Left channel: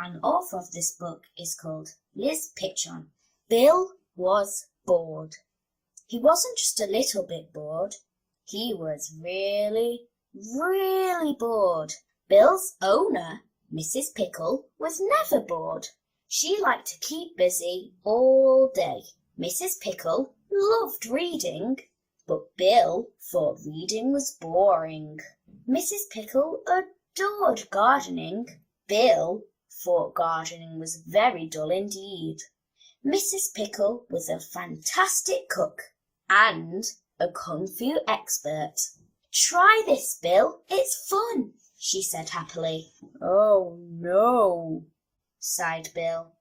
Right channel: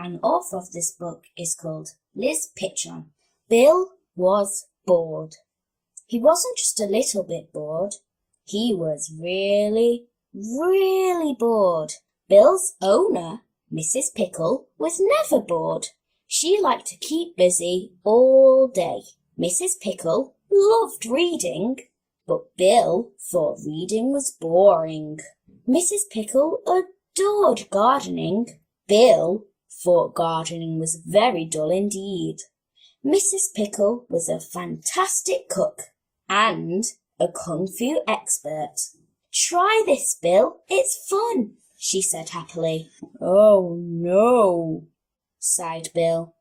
and the author of this book is called Liz Pitchon. Bill was bored. He wasn't just a little bit bored. He was really, really bored. Bill's owner, Mrs. Pickle, was never bored. She liked to keep busy all day. Mrs. Pickle loved reading, but Bill thought reading was boring. Mrs. Pickle adored gardening. Bill thought gardening was very dull indeed. Mrs. Pickle was a fantastic cook and a kung fu expert. "Try this, Bill. It's fun," she said happily. "Oh, no," sighed Bill.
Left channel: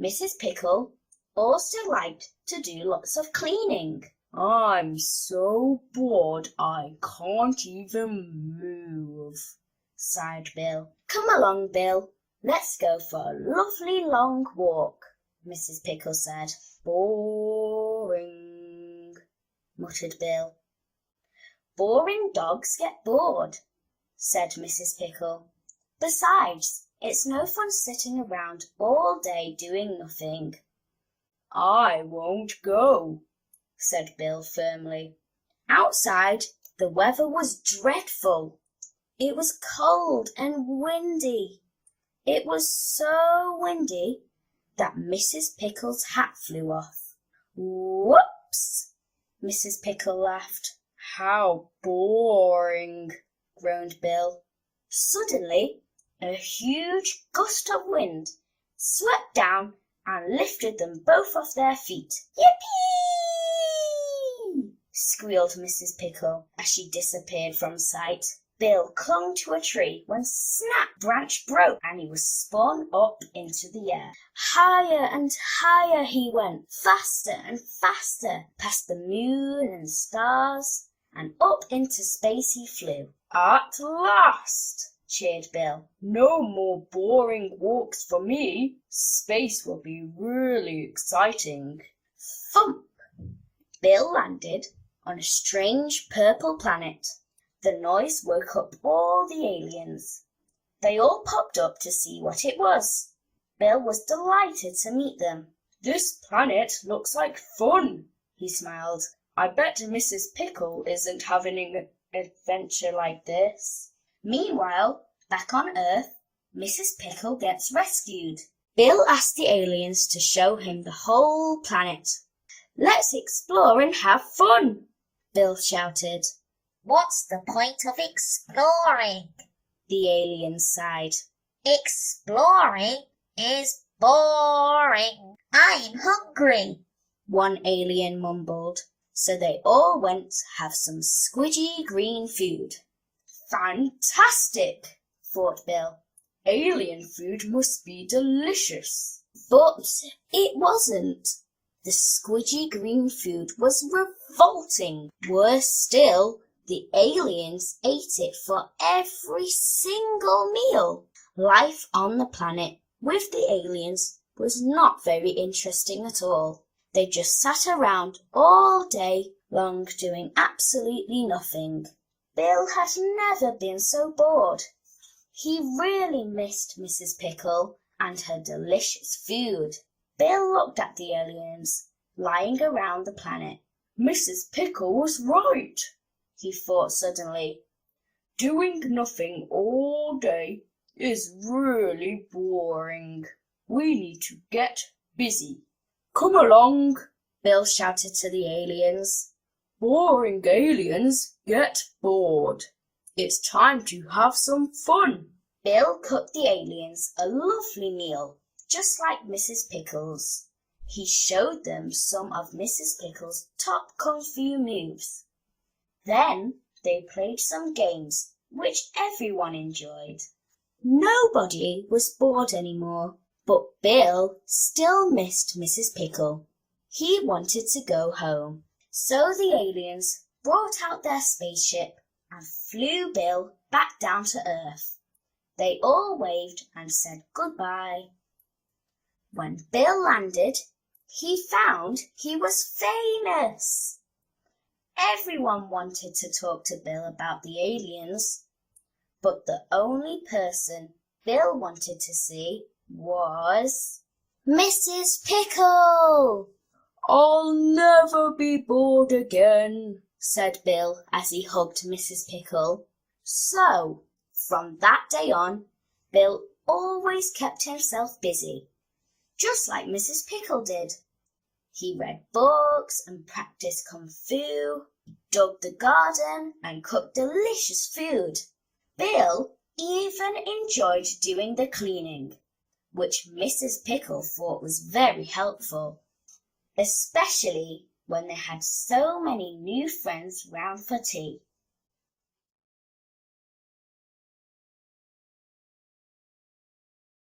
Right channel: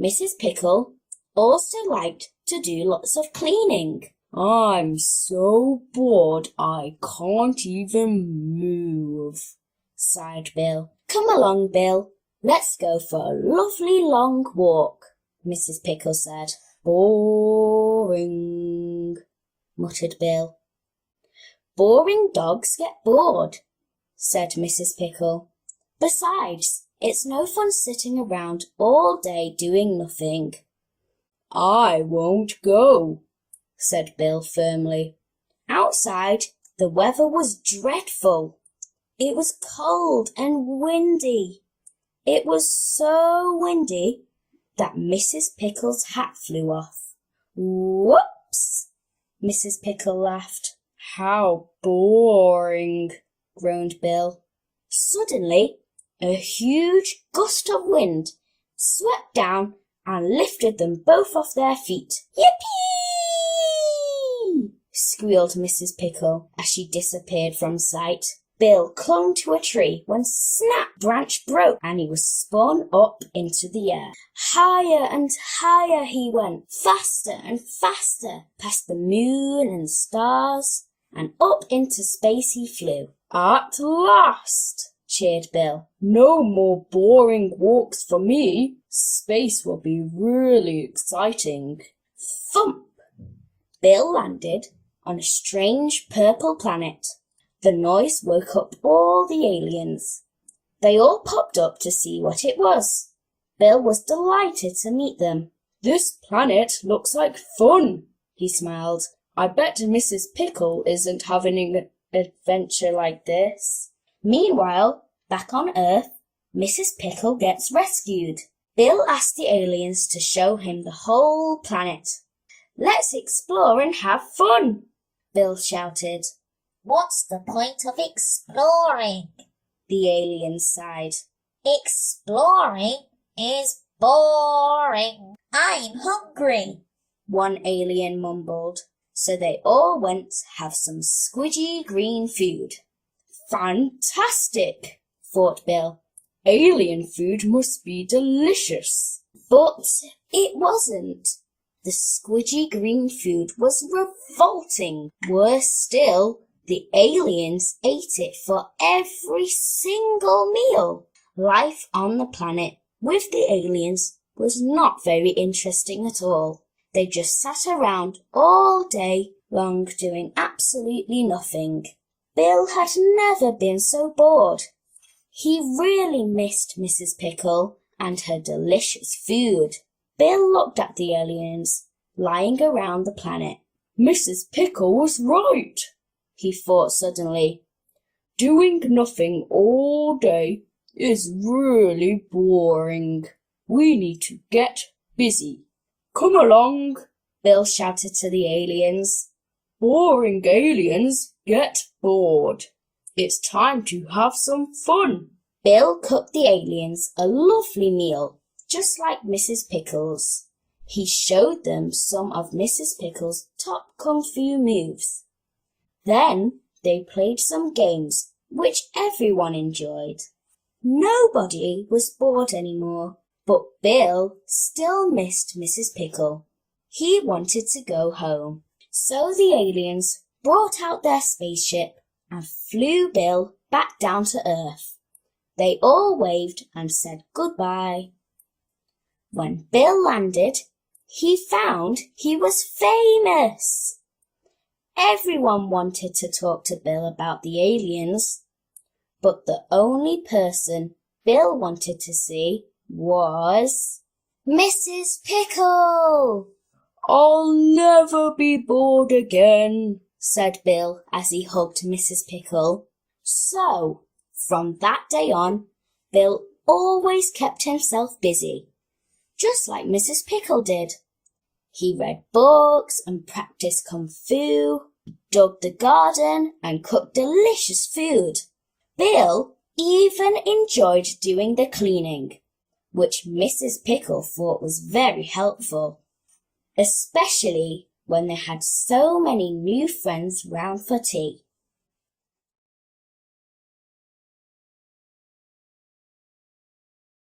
Mrs. Pickle also liked to do lots of cleaning. "I'm so bored I can't even move," sighed Bill. "Come along, Bill. Let's go for a lovely long walk," Mrs. Pickle said. "Boring," muttered Bill. "Boring dogs get bored," said Mrs. Pickle. "Besides, it's no fun sitting around all day doing nothing." "I won't go," said Bill firmly. Outside, the weather was dreadful. It was cold and windy. It was so windy that Mrs. Pickle's hat flew off. "Whoops!" Mrs. Pickle laughed. "How boring," groaned Bill. Suddenly, a huge gust of wind swept down and lifted them both off their feet. "Yippee!" squealed Mrs. Pickle as she disappeared from sight. Bill clung to a tree when snap, branch broke and he was spun up into the air. Higher and higher he went, faster and faster, past the moon and stars, and up into space he flew. "At last!" cheered Bill. "No more boring walks for me. Space will be really exciting." Thump! Bill landed on a strange purple planet. The noise woke up all the aliens. They all popped up to see what it was. Bill was delighted to meet them. "This planet looks like fun," he smiled. "I bet Mrs. Pickle isn't having an adventure like this." Meanwhile, back on Earth, Mrs. Pickle gets rescued. Bill asked the aliens to show him the whole planet. "Let's explore and have fun," Bill shouted. "What's the point of exploring?" the aliens sighed. "Exploring is boring. I'm hungry," one alien mumbled. So they all went to have some squidgy green food. "Fantastic," thought Bill. "Alien food must be delicious." But it wasn't. The squidgy green food was revolting. Worse still, the aliens ate it for every single meal. Life on the planet with the aliens was not very interesting at all. They just sat around all day long doing absolutely nothing. Bill had never been so bored. He really missed Mrs. Pickle and her delicious food. Bill looked at the aliens lying around the planet. "Mrs. Pickle was right," he thought suddenly. "Doing nothing all day is really boring. We need to get busy. Come along," Bill shouted to the aliens. "Boring aliens get bored. It's time to have some fun." Bill cooked the aliens a lovely meal, just like Mrs. Pickle's. He showed them some of Mrs. Pickle's top kung fu moves. Then they played some games, which everyone enjoyed. Nobody was bored anymore, but Bill still missed Mrs. Pickle. He wanted to go home. So the aliens brought out their spaceship and flew Bill back down to Earth. They all waved and said goodbye. When Bill landed, he found he was famous. Everyone wanted to talk to Bill about the aliens, but the only person Bill wanted to see was Mrs. Pickle. "I'll never be bored again," said Bill as he hugged Mrs. Pickle. So, from that day on, Bill always kept himself busy, just like Mrs. Pickle did. He read books and practiced kung fu, dug the garden and cooked delicious food. Bill even enjoyed doing the cleaning, which Mrs. Pickle thought was very helpful, especially when they had so many new friends round for tea.